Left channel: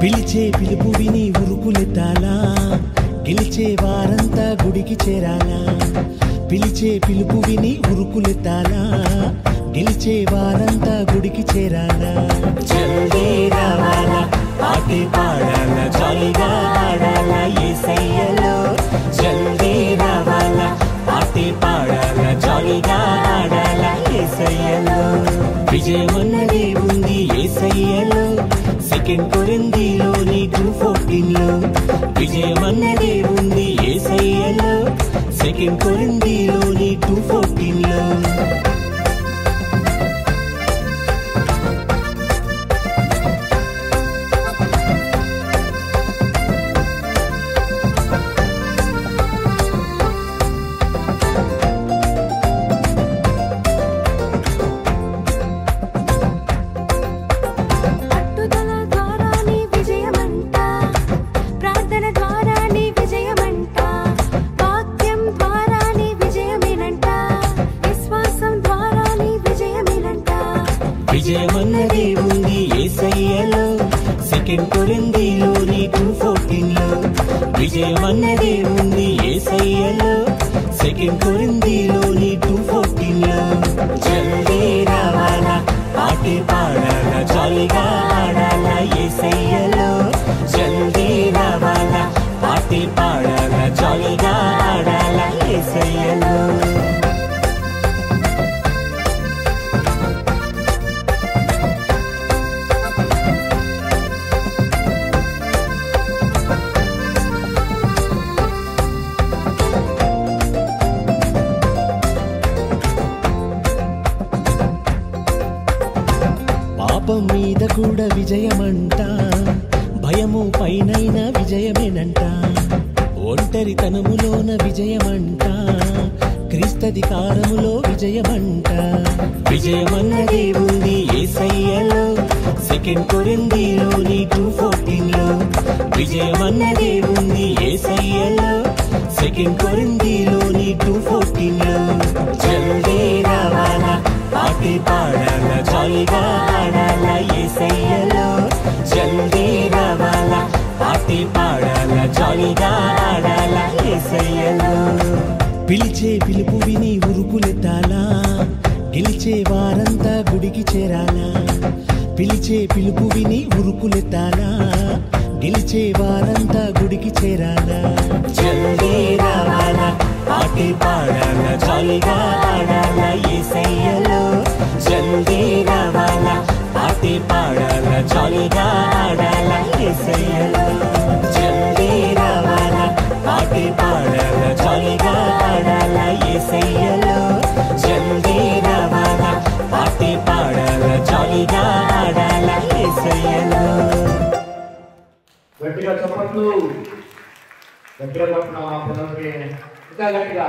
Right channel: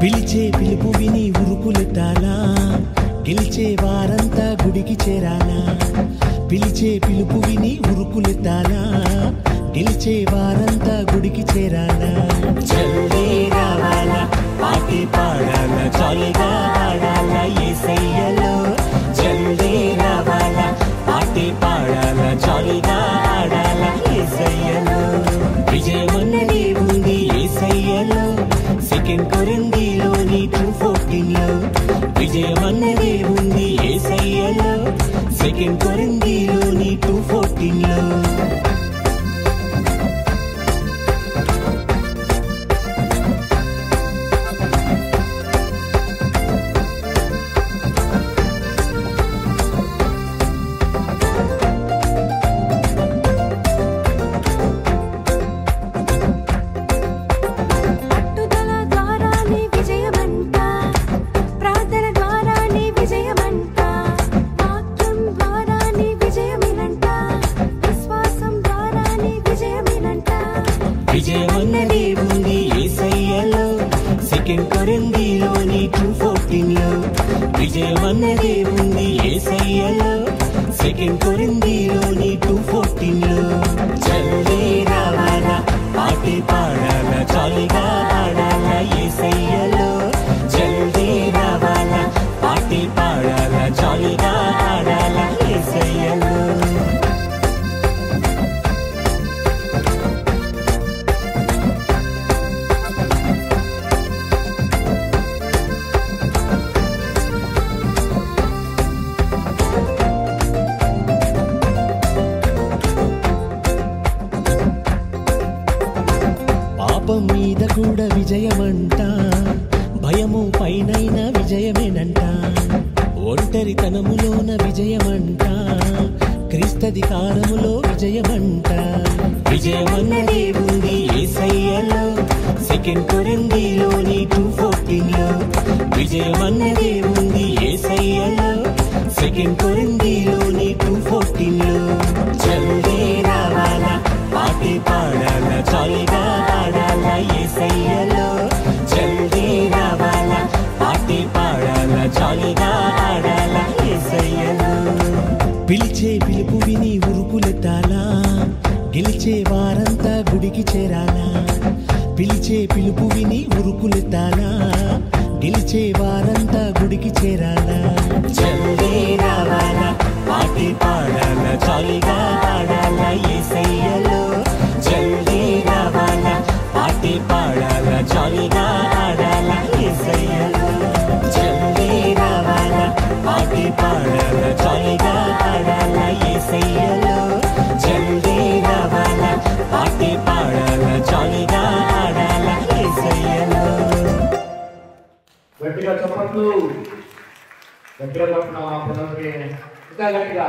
పిలిచే పిలుపు విని ఉరుకులెత్తాలా, గెలిచే వారంతా గుడికి చేరాలా. పిలిచే పిలుపు విని ఉరుకులెత్తాలా, గెలిచే వారంతా గుడికి చేరాలా. జల్దీ రావాలా, పాటే పాడాలా, జాలీగా ఆడాలా యేసయ్యలో. జల్దీ రావాలా, పాటే పాడాలా, జాలీగా ఆడాలా యేసయ్యలో. విజయమన్నదే ఉంది యేసయ్యలో. సెకండ్ కొరింథీలోని 2:14 విజయమన్నదే ఉంది యేసయ్యలో. సెకండ్ కొరింథీలోని 2:14. విజయమన్నదే ఉంది యేసయ్యలో. సెకండ్ కొరింథీలోని 2:14 విజయమన్నదే ఉంది యేసయ్యలో. సెకండ్ కొరింథీలోని 2:14. జల్దీ రావాలా, పాటే పాడాలా, జాలీగా ఆడాలా యేసయ్యలో. జల్దీ రావాలా, పాటే పాడాలా, జాలీగా ఆడాలా యేసయ్యలో. పాపం మీద కూడా విజయమంట, భయము పైనైన విజయమేనంట. ఒంటరితనములోన విజయమంట, క్రీస్తధికారములో విజయమంట. విజయమన్నదే ఉంది యేసయ్యలో. సెకండ్ కొరింథీలోని 2:14 విజయమన్నదే ఉంది యేసయ్యలో. సెకండ్ కొరింథీలోని 2:14. జల్దీ రావాలా, పాటే పాడాలా, జాలీగా ఆడాలా యేసయ్యలో. జల్దీ రావాలా, పాటే పాడాలా, జాలీగా ఆడాలా యేసయ్యలో. పిలిచే పిలుపు విని ఉరుకులెత్తాలా, గెలిచే వారంతా గుడికి చేరాలా. పిలిచే పిలుపు విని ఉరుకులెత్తాలా, గెలిచే వారంతా గుడికి చేరాలా. జల్దీ రావాలా, పాటే పాడాలా, జాలీగా ఆడాలా యేసయ్యలో. జల్దీ రావాలా, పాటే పాడాలా, జాలీగా ఆడాలా యేసయ్యలో. జల్దీ రావాలా, పాటే పాడాలా, జాలీగా ఆడాలా యేసయ్యలో. జల్దీ రావాలా, పాటే పాడాలా, జాలీగా ఆడాలా యేసయ్యలో. గట్టిగా చప్పట్లు, గట్టిగా చప్పట్లు. ఇంకా గట్టిగా